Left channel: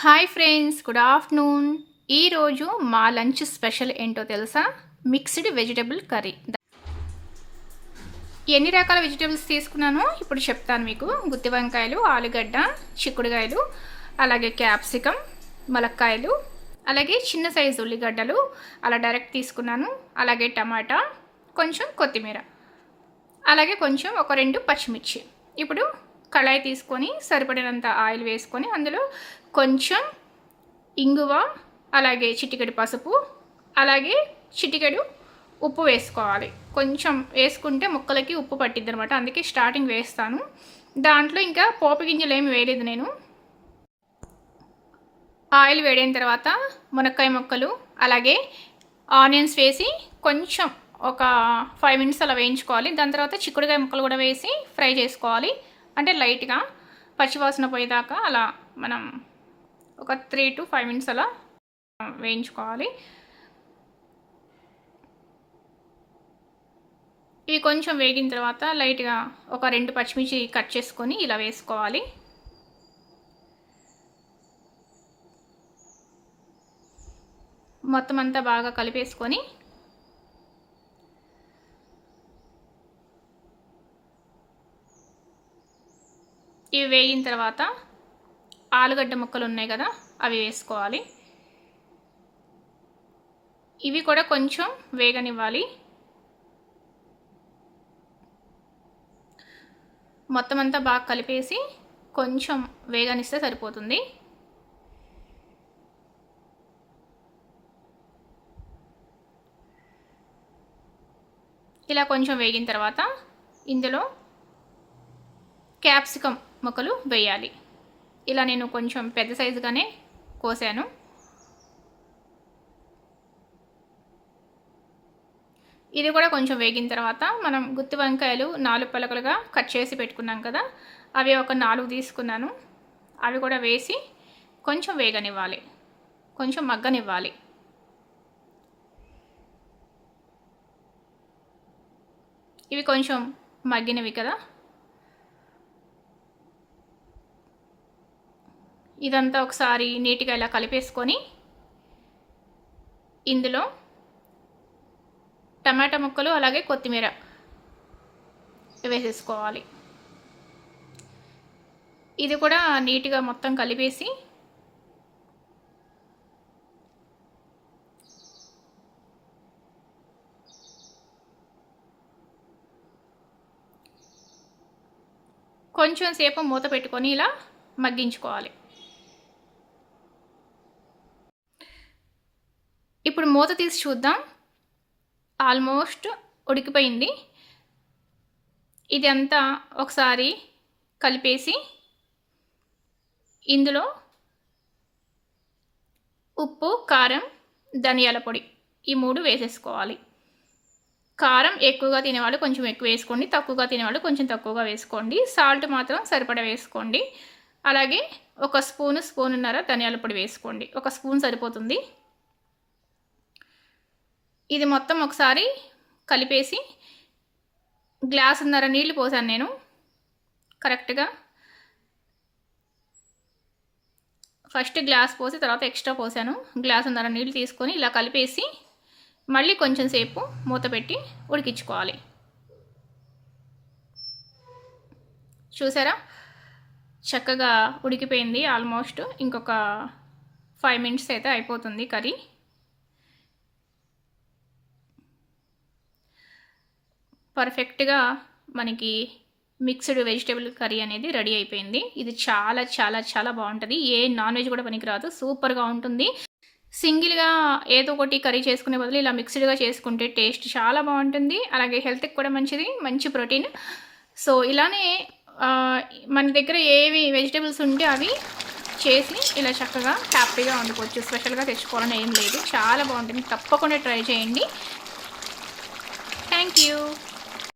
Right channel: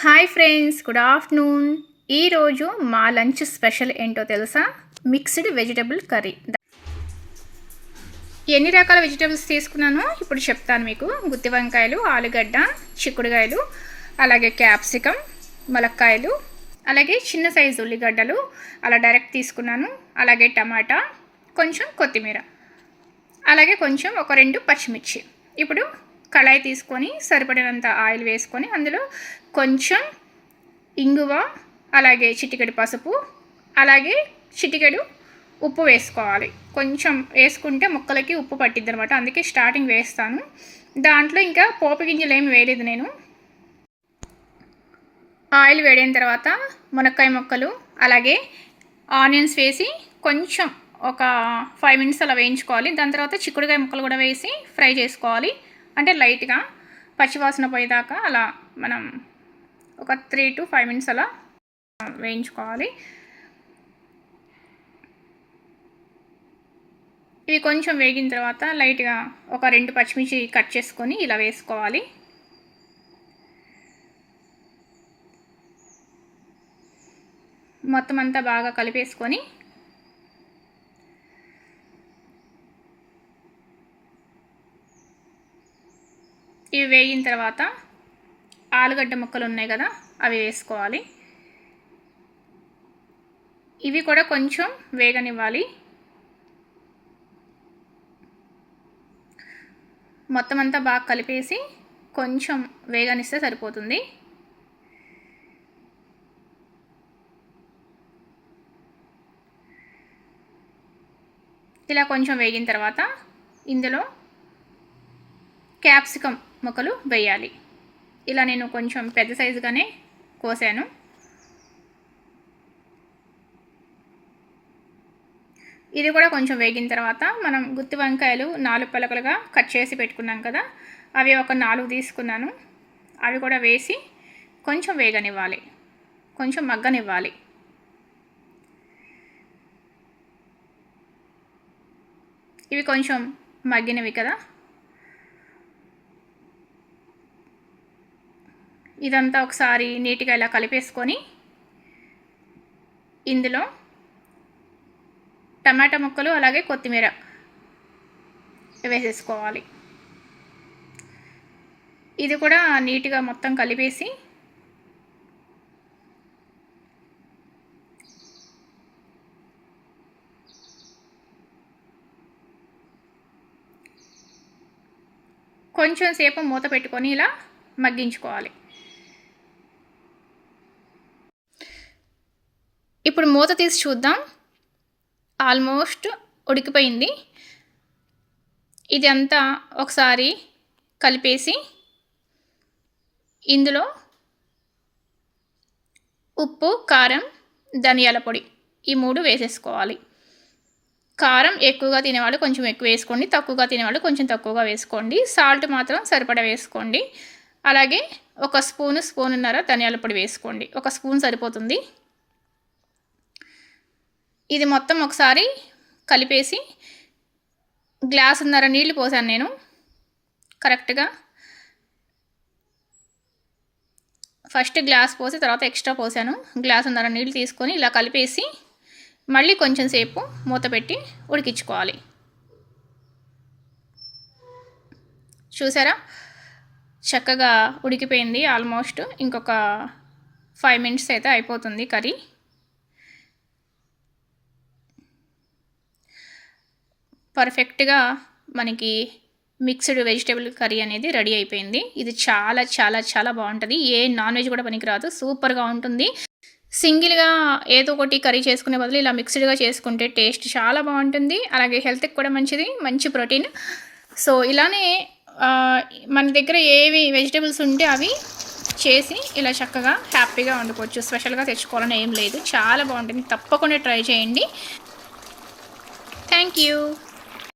Hi friends, good afternoon. ఈరోజు మా lunch special ఏంటో తెలుసా? Mixed vegetable curry. ఎన్ని రకాల వెజిటబుల్స్ తీసుకున్నానో ఇప్పుడు చెప్తాను మీకు. గుత్తి వంకాయలు, ఆలుగడ్డ, చిక్కుడుకాయలు, అలాగే క్యాప్సికమ్, ములక్కాయలు, అలాగే చిన్న సైజు ఉల్లిగడ్డలు అలా డైరెక్ట్ తీసుకున్నాను. అలాగే టమాటా, కొంచెం కొత్తిమీర, అలాగే కొంచెం ఒక 2 పచ్చిమిర్చి. ఇప్పుడు కళాయి తీసుకొని సరిపడినంత ఆయిల్ వేసుకొని అందులో కొంచెం ఇంగువ, అలాగే చిటికెడు పసుపు, అలాగే చిటికెడు ఉప్పు వేసుకోవాలి. కొంచెం వేసుకుంటే ముక్కలకి ఉప్పు పట్టిద్ది అనమాట, అందుకే స్టార్టింగ్ వేస్తాను. దాంట్లో ఇంకా పోపు గింజలు ఏమి వేయలేదు నేను. ఆయిల్ వేడైన తర్వాత మునక్కాయ ముక్కలు, అలాగే ఆనియన్స్ వేసి కొంచెం ఒక 5 మినిట్స్ అలా వేయించుకోవాలి. దాని తర్వాత చిక్కుడుకాయ ముక్కలు కూడా వేసి ఫ్రై చేసుకోవాలి. అంటే లైట్గా పచ్చివాసన పోయేదాకా అలా మనం ఒక 3 to 5 మినిట్స్ అలా వేయించుకోవాలి. ఇవి కొంచెం వేగిన తర్వాత లైట్గా ఒక 2 పచ్చిమిర్చి కట్ చేసుకొని ఇలా వేసుకోవాలి. మొత్తం అంతా బాగా కలిపేసుకొని ఇవి వేగిన తర్వాత ఆలుగడ్డ ముక్కలు ఉన్నాయి కదా, అవి వేసుకోవాలి. ఇవి కూడా కొంచెం వేగనివ్వాలి. మొత్తం అంతా బాగా కలిపేసి కొంచెం వేగనిస్తే సరిపోతుంది. ఇలా కొంచెం వేగిన తర్వాత ఇందులో క్యాప్సికమ్ ముక్కలు వేయాలి. ఇలా నేను కొంచెం పెద్ద సైజుగానే కోసాను. ఇది కూడా కొంచెం వేగిన తర్వాత మనం గుత్తి వంకాయలు 4 పలకలుగా కట్ చేసి పెట్టుకున్నాం కదా, అవి ఒక 4 తీసుకున్నాను. అవి కూడా వేసి కొంచెం వేగనివ్వాలి, కొంచెం మగ్గనివ్వాలి. ఇవి కొంచెం మగ్గినవి కదా, ఇదంతా ఒకసారి నీట్గా ఇలా కలిపేసుకొని ఇందులో టమాటా ముక్కలు, అలాగే కొత్తిమీర వేసేసుకోవాలి. ఇది కూడా నీట్గా మొత్తం కలిపేసి కొంచెం సేపు మూత పెట్టుకొని ఇలా మగ్గించుకోవాలి. ఇప్పుడు మూత తీసి చూద్దాం. ఆల్మోస్ట్ ఉడికిపోయింది. ఇది అంతా ఒకసారి కలిపేసి ఇందులో ఉప్పు, కారం, ధనియాల పొడి ఈ 3 వేసేసుకోవాలి. కారం ఎక్కువగా తినేవాళ్ళు కొంచెం ఎక్కువ వేసుకోండి, తక్కువగా తినేవాళ్ళు కొంచెం తక్కువగా వేసుకోండి. సాల్ట్ మాత్రం సరిపడా వేసుకోండి. అలాగే ఒక స్పూన్నర ధనియాల పొడి వేసుకోండి. ఒక స్పూన్ సరిపోతుంది. ఇది మొత్తం ఒకసారి కలిపేసి గ్లాసున్నర నీళ్ళు పోసాను నేను కరెక్ట్గా. ఫస్ట్ గ్లాస్ పోసి తర్వాత ఎక్స్ట్రా పోసాను. గ్లాసున్నర నీళ్ళు తీసుకొని ఇలా కలిపేసి మళ్ళీ కొంచెం సేపు మూత పెట్టి ఉడికించుకోవాలి. చూసారా, చక్కగా ఉడికిపోయింది. ఆల్మోస్ట్ ఇంకొక 5 మినిట్స్ అయితే అయిపోతుంది కర్రీ. పర్ఫెక్ట్గా మనకి మిక్స్డ్ వెజిటేబుల్ కర్రీ అనేది రెడీ అయిపోయింది. ఇది చాలా చాలా చాలా బాగుంటుంది. ఏ నాన్ వెజ్ కూడా పనికిరాదు, సూపర్గా ఉంటుంది. సింగిల్గా ఏదో ఒకటి కర్రీ చేసుకునే బదులు ఇలా మిక్స్డ్గా చేసుకుంటే టేస్ట్ చాలా బాగుంటుంది. అలాగే హెల్త్కి కూడా మంచిది, మంచి ప్రోటీన్. సో ఇలానే మన దగ్గర ఏవి వెజిటేబుల్స్ ఉంటే అవి చేసి ఇలా చక్కగా హ్యాపీగా వండుకోవచ్చు. స్పెషల్గా తెచ్చుకోవాలని ఏం లేదు, చాలా బాగుంటుంది. తప్పకుండా ట్రై చేయండి. Thank you.